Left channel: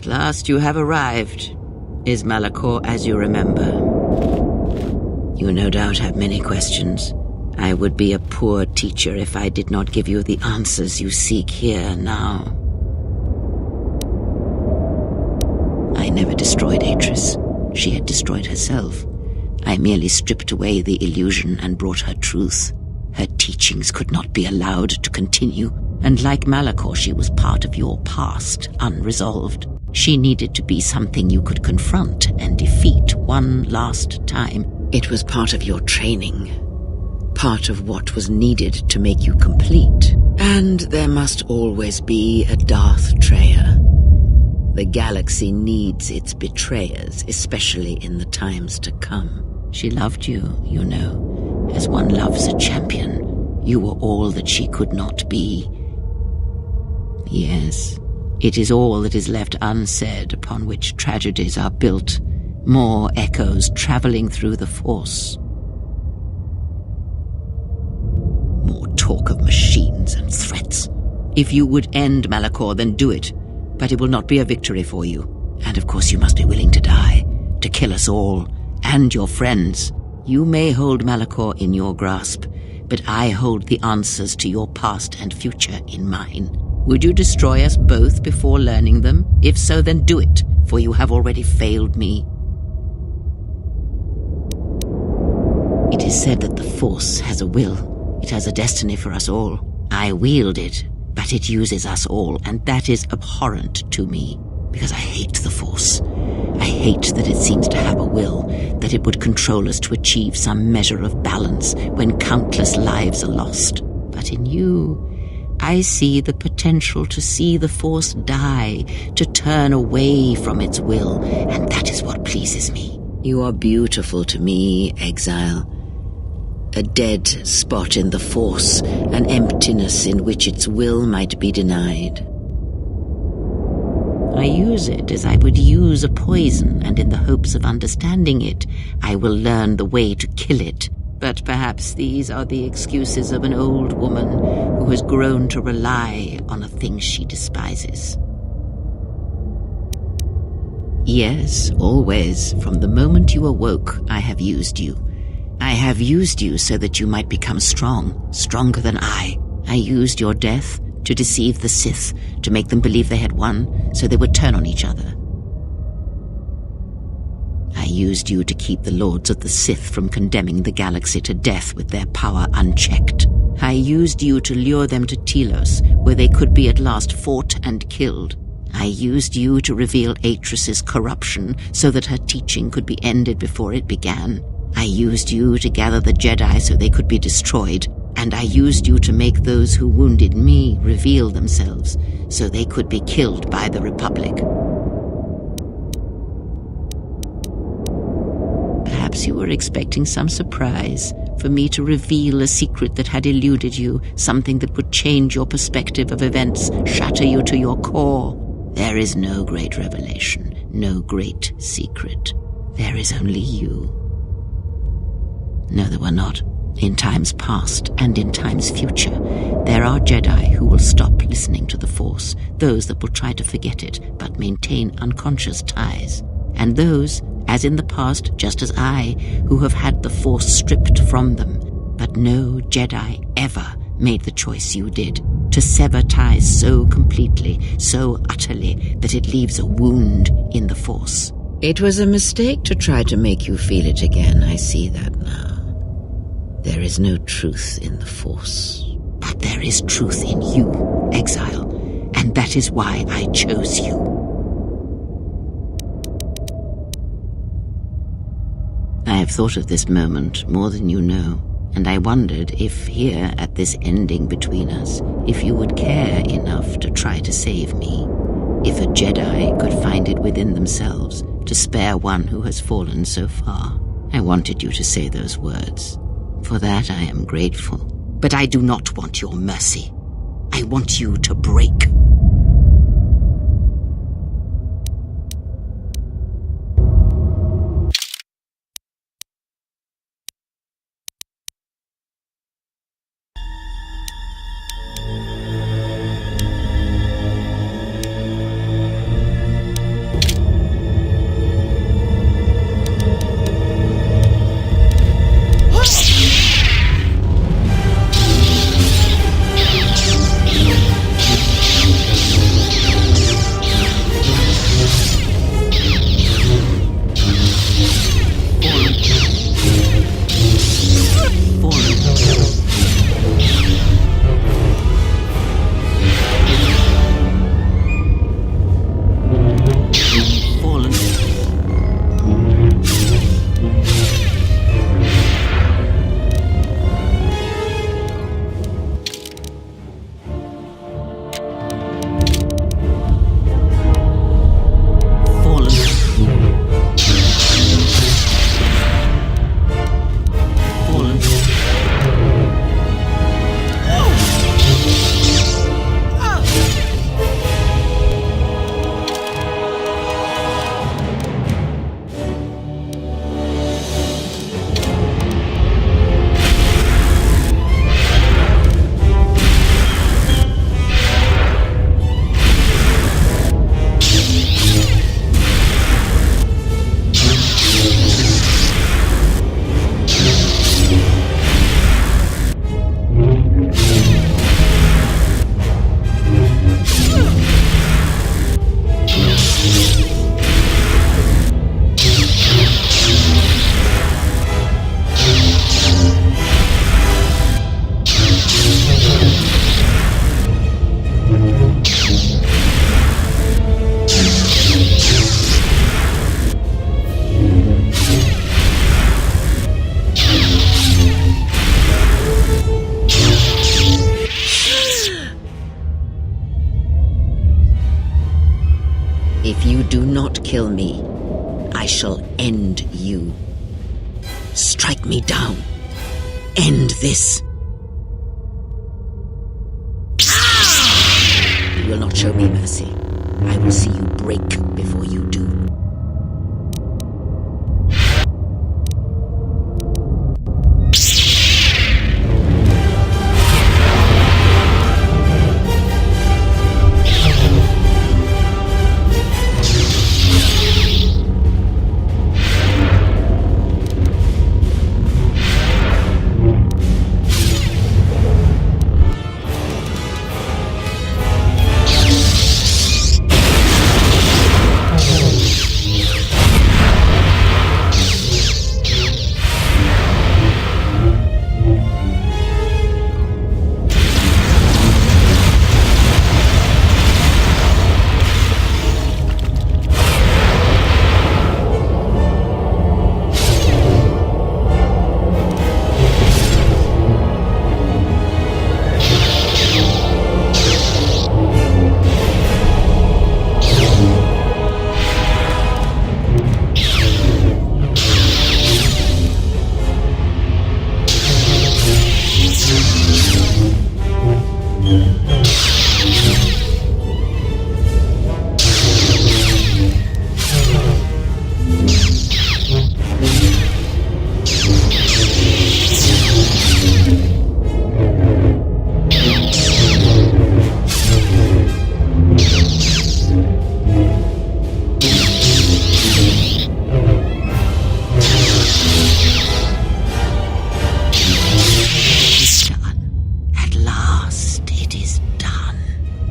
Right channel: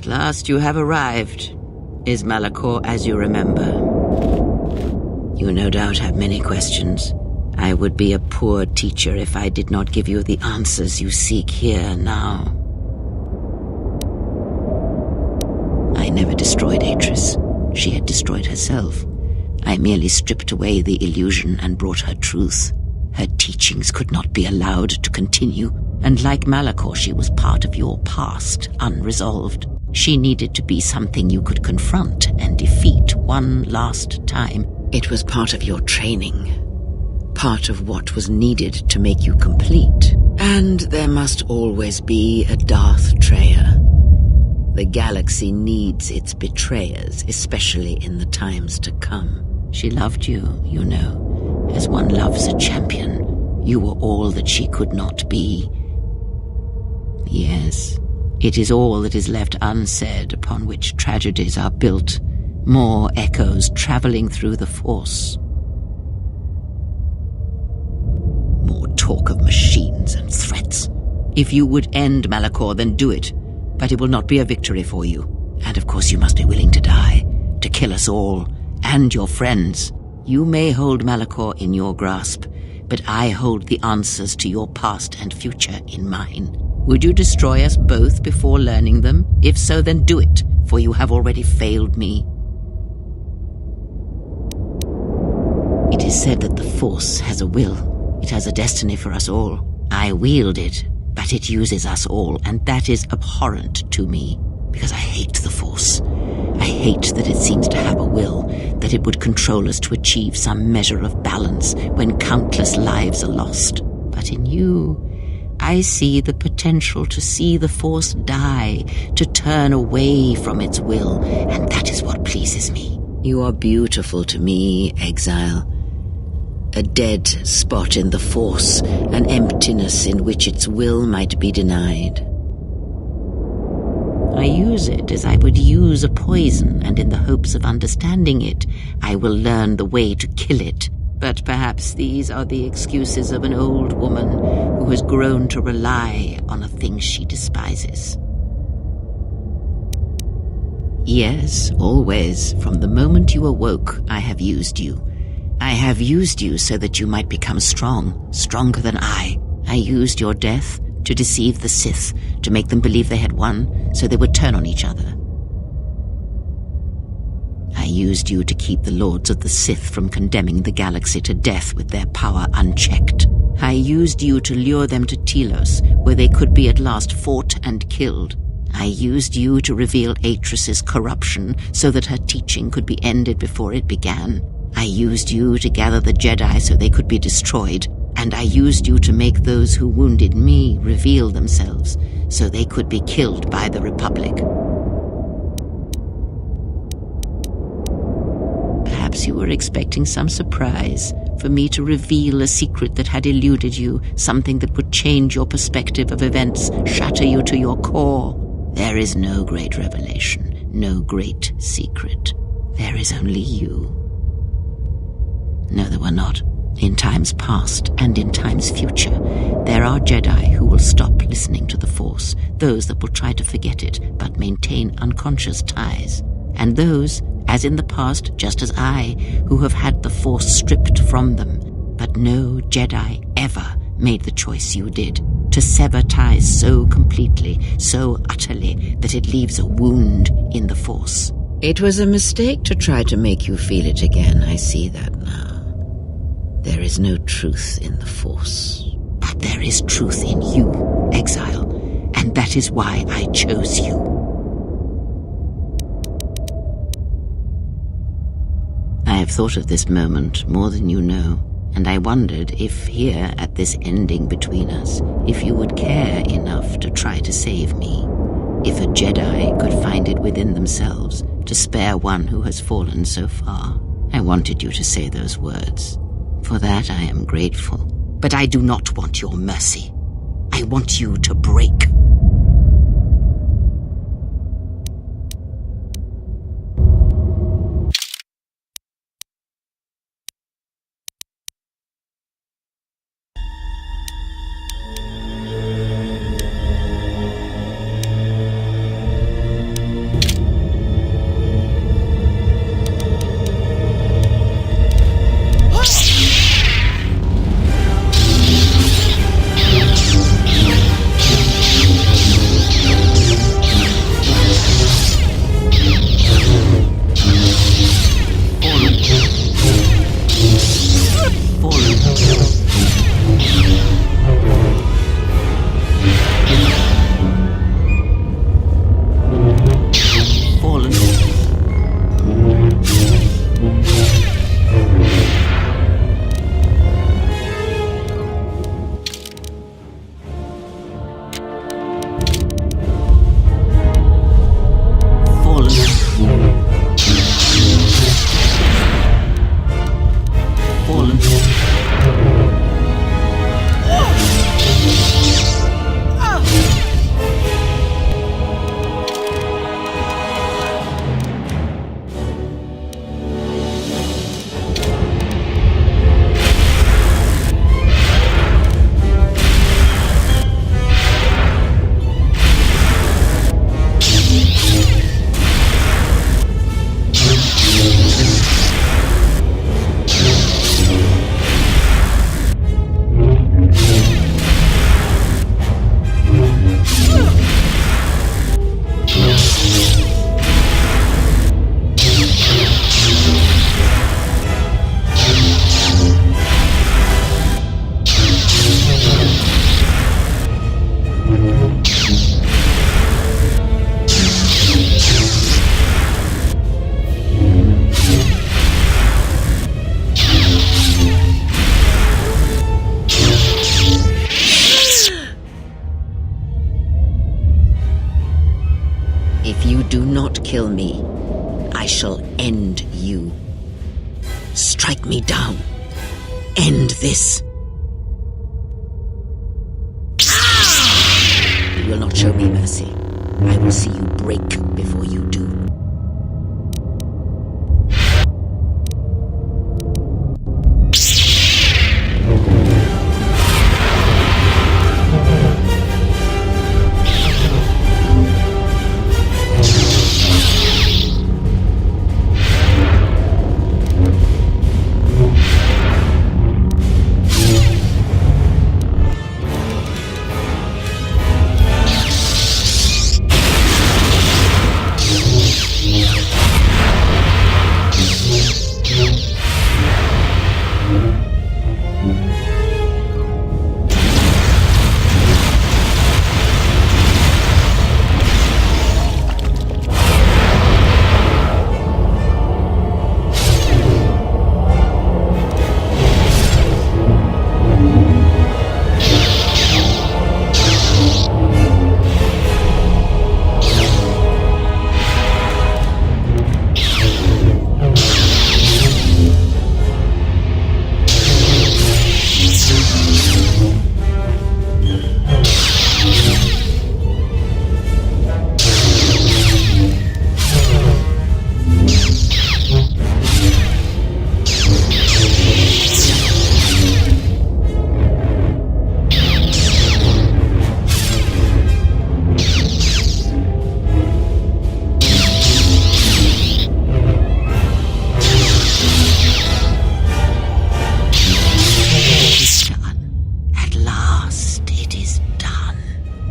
At last you have arrived. Is Malachor as you remember? You no doubt have many questions. I would be a poor teacher if I did not give you the answers you seek here now. I never destroyed Atris. She had destroyed herself. I merely stripped away the illusion and brought her truth. Her teachings could not be allowed to continue, and like Malachor, she was part of your past, unresolved. She needed to be something you could confront and defeat one last time. It was part of your training, part of what was needed to make you complete. And there must always be a Darth Treya. The galaxy needs its betrayers, especially in the times to come. She loved you, you know, as one loves a champion. You were all that she could not be. Yes, it is all that is left unsaid upon which tragedies are built, more echoes traveling through the Force. More talk of machines and threats. If you would end Malachor, then do it. But it will not be a victory for you. And of course you must be willing to die, to kill us all, and your friends. You may hold Malachor in your grasp, but I hold the answers to your past and future in mine. Would you destroy us both before learning them? If so, then do it, for you have already failed me. It is said that the Force has a will. It has a destiny for us all. I wield it, but it uses us all, and that is abhorrent to me, because I hate the Force. I hate that it seems to have a will, that it would control us to achieve some measure of balance when countless lives are lost. But in you, I see the potential to see the Force die, to turn away from its will, and that is what pleases me. You are beautiful to me, Exile. A dead spot in the Force, an emptiness in which its will might be denied. I use it as I would use a poison, and in the hopes of understanding it, I will learn the way to kill it. But perhaps these are the excuses of an old woman who has grown to rely on a thing she despises. Yes, always, from the moment you awoke, I have used you. I have used you so that you might become strong, stronger than I. I used your death to deceive the Sith, to make them believe they had won, so they would turn on each other. I used you to keep the Lords of the Sith from condemning the galaxy to death with their power unchecked. I used you to lure them to Telos, where they could be at last fought and killed. I used you to reveal Atris's corruption, so that her teaching could be ended before it began. I used you to gather the Jedi so they could be destroyed, and I used you to make those who wounded me reveal themselves, so they could be killed by the Republic. Perhaps you were expecting some surprise, for me to reveal a secret that had eluded you, something that would change your perspective of events, shatter you to your core. There is no great revelation, no great secret. There is only you. No, there were not. In times past and in times future, there are Jedi who will stop listening to the Force, those that will try to forget it but maintain unconscious ties, and those, as in the past, just as I, who have had the Force stripped from them. But no Jedi ever made the choice you did, to sever ties so completely, so utterly, that it leaves a wound in the Force. It was a mistake to try to make you feel it again, I see that now. There is no truth in the Force. But there is truth in you, Exile, and that is why I chose you. I have thought of this moment more than you know, and I wondered if here at this ending between us, if you would care enough to try to save me, if a Jedi could find it within themselves to spare one who has fallen so far. I wanted you to say those words. For that I am grateful. But I do not want your mercy. I want you to break. If you do not kill me, I shall end you. Strike me down. End this. You will not show me mercy. I will see you break before you do.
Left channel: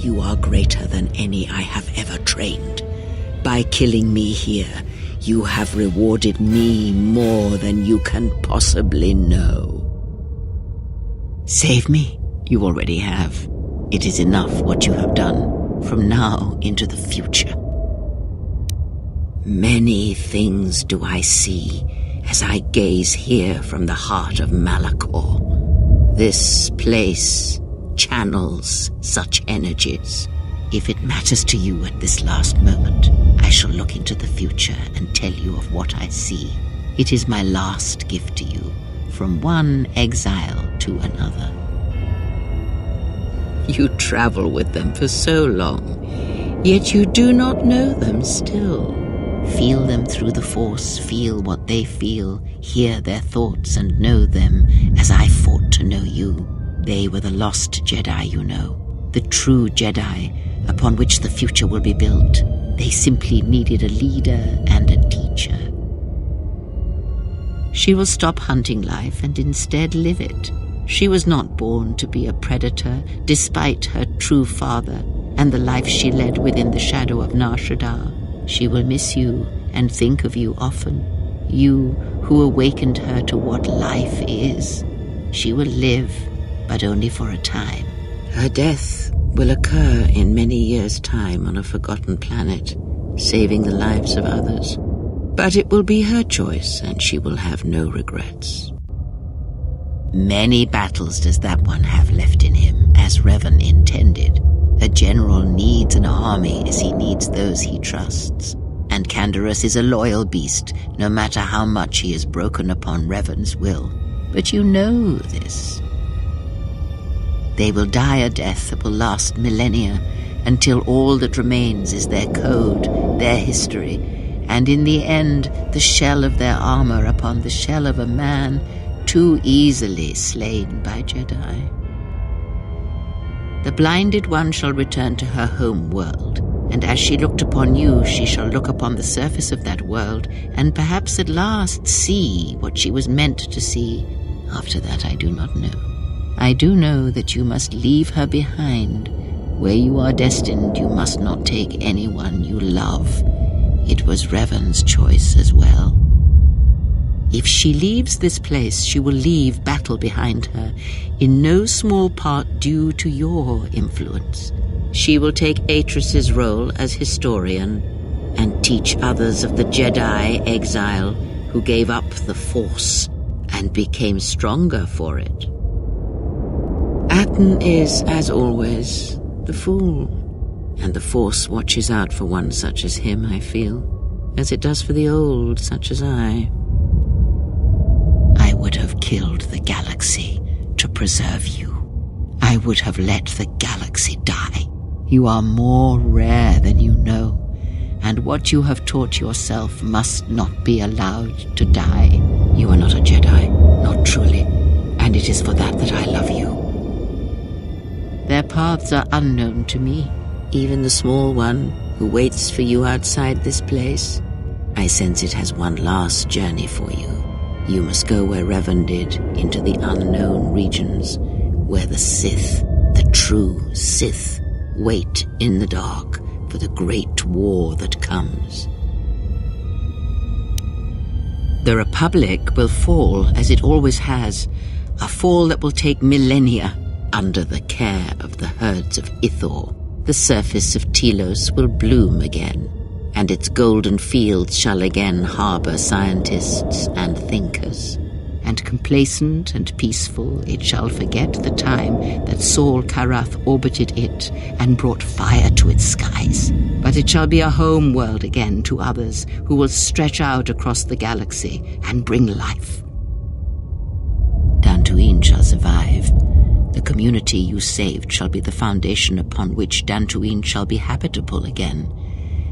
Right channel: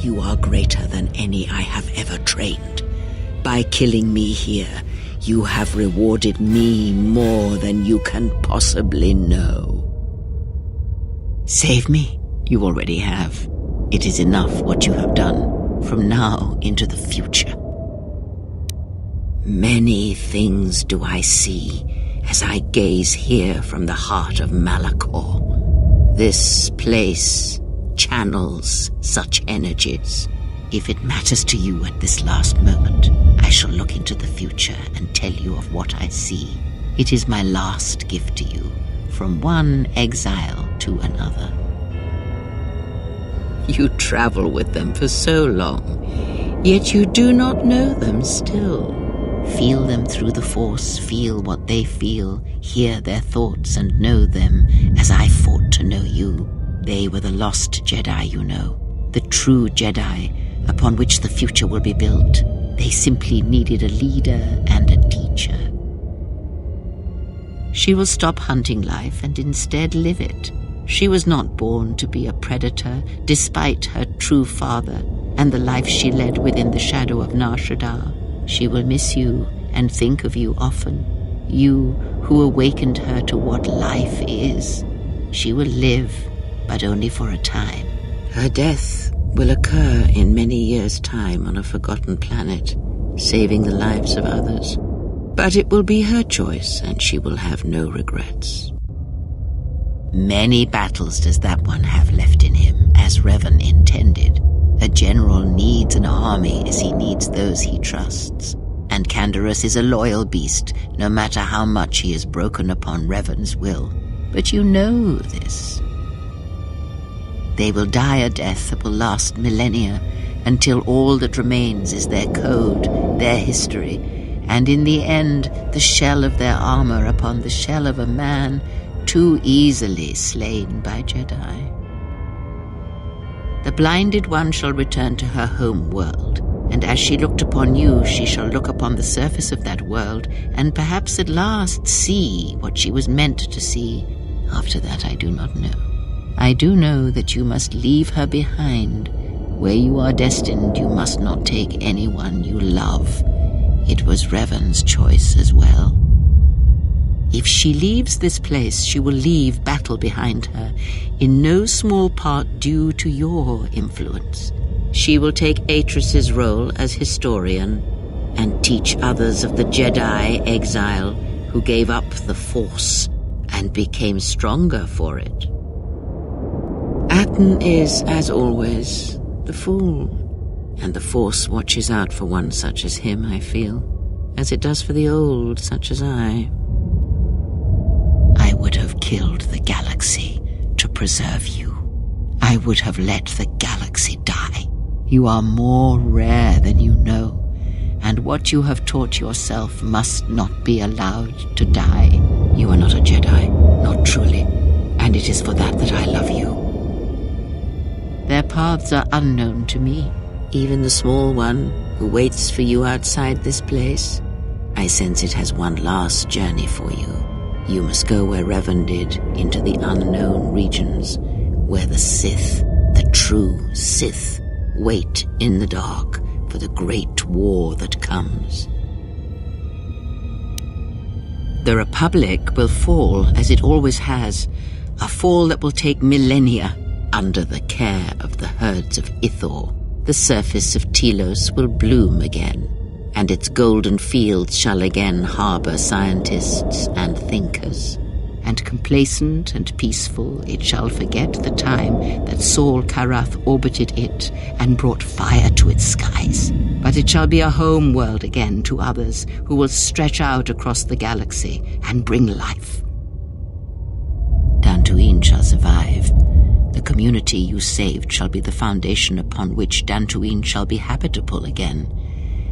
You are greater than any I have ever trained. By killing me here, you have rewarded me more than you can possibly know. Save me, you already have. It is enough what you have done, from now into the future. Many things do I see as I gaze here from the heart of Malachor. This place channels such energies. If it matters to you at this last moment, I shall look into the future and tell you of what I see. It is my last gift to you, from one exile to another. You travel with them for so long, yet you do not know them still. Feel them through the Force, feel what they feel, hear their thoughts and know them as I fought to know you. They were the lost Jedi, you know, the true Jedi upon which the future will be built. They simply needed a leader and a teacher. She will stop hunting life and instead live it. She was not born to be a predator, despite her true father and the life she led within the shadow of Nar Shaddaa. She will miss you and think of you often, you who awakened her to what life is. She will live, but only for a time. Her death will occur in many years' time on a forgotten planet, saving the lives of others. But it will be her choice, and she will have no regrets. Many battles does that one have left in him, as Revan intended. A general needs an army as he needs those he trusts. And Canderous is a loyal beast, no matter how much he has broken upon Revan's will. But you know this. They will die a death that will last millennia, until all that remains is their code, their history, and in the end, the shell of their armor upon the shell of a man too easily slain by Jedi. The blinded one shall return to her home world, and as she looked upon you, she shall look upon the surface of that world, and perhaps at last see what she was meant to see. After that, I do not know. I do know that you must leave her behind. Where you are destined, you must not take anyone you love. It was Revan's choice as well. If she leaves this place, she will leave battle behind her, in no small part due to your influence. She will take Atris's role as historian and teach others of the Jedi exile who gave up the Force and became stronger for it. Atten is, as always, the fool. And the Force watches out for one such as him, I feel, as it does for the old such as I. I would have killed the galaxy to preserve you. I would have let the galaxy die. You are more rare than you know, and what you have taught yourself must not be allowed to die. You are not a Jedi, not truly, and it is for that I love you. Their paths are unknown to me, even the small one who waits for you outside this place. I sense it has one last journey for you. You must go where Revan did, into the unknown regions, where the Sith, the true Sith, wait in the dark for the great war that comes. The Republic will fall as it always has, a fall that will take millennia under the care of the herds of Ithor. The surface of Telos will bloom again, and its golden fields shall again harbor scientists and thinkers. And complacent and peaceful, it shall forget the time that Saul Karath orbited it and brought fire to its skies. But it shall be a home world again to others who will stretch out across the galaxy and bring life. Dantooine shall survive. The community you saved shall be the foundation upon which Dantooine shall be habitable again.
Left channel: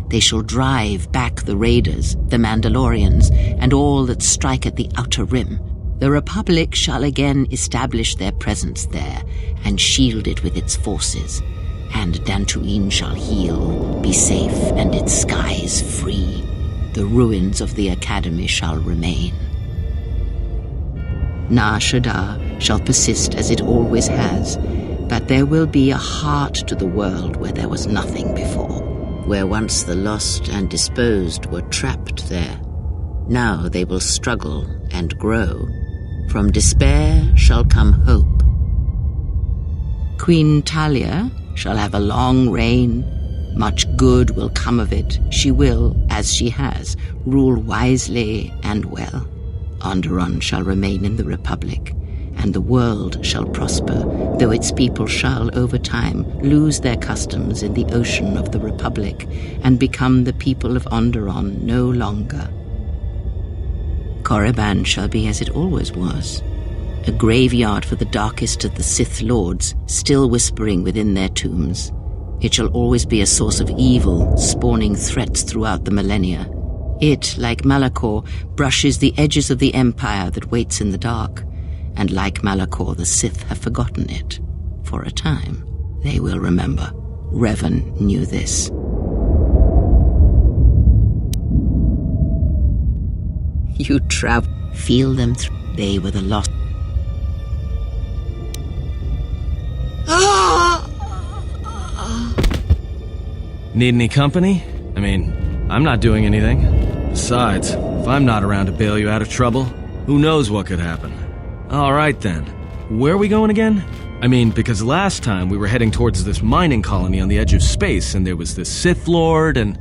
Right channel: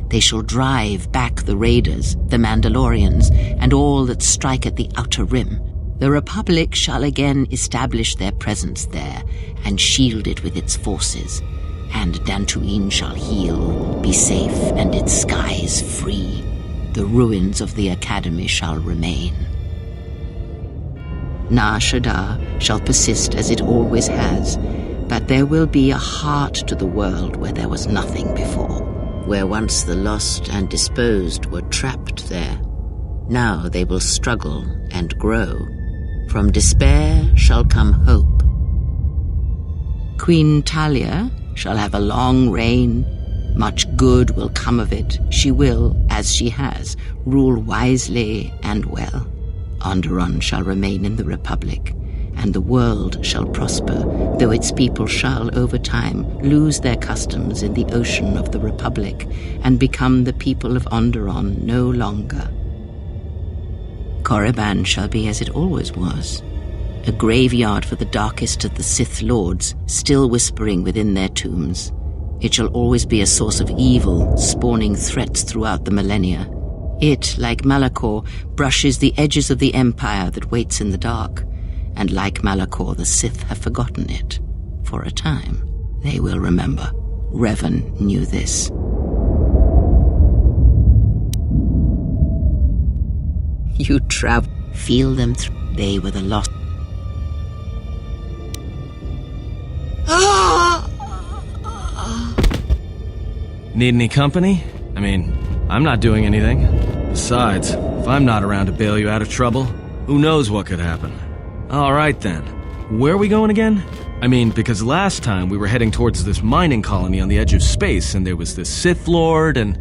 They shall drive back the Raiders, the Mandalorians, and all that strike at the Outer Rim. The Republic shall again establish their presence there and shield it with its forces, and Dantooine shall heal, be safe, and its skies free. The ruins of the Academy shall remain. Nar Shaddaa shall persist as it always has, but there will be a heart to the world where there was nothing before, where once the lost and disposed were trapped there. Now they will struggle and grow. From despair shall come hope. Queen Talia shall have a long reign. Much good will come of it. She will, as she has, rule wisely and well. Onderon shall remain in the Republic, and the world shall prosper, though its people shall, over time, lose their customs in the ocean of the Republic and become the people of Onderon no longer. Korriban shall be as it always was, a graveyard for the darkest of the Sith Lords, still whispering within their tombs. It shall always be a source of evil, spawning threats throughout the millennia. It, like Malachor, brushes the edges of the Empire that waits in the dark, and like Malachor, the Sith have forgotten it. For a time, they will remember. Revan knew this. You travel. Feel them through. They were the lost. Need any company? I mean, I'm not doing anything. Besides, if I'm not around to bail you out of trouble, who knows what could happen. Alright then. Where are we going again? I mean, because last time we were heading towards this mining colony on the edge of space, and there was this Sith Lord, and...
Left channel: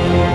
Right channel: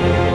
you.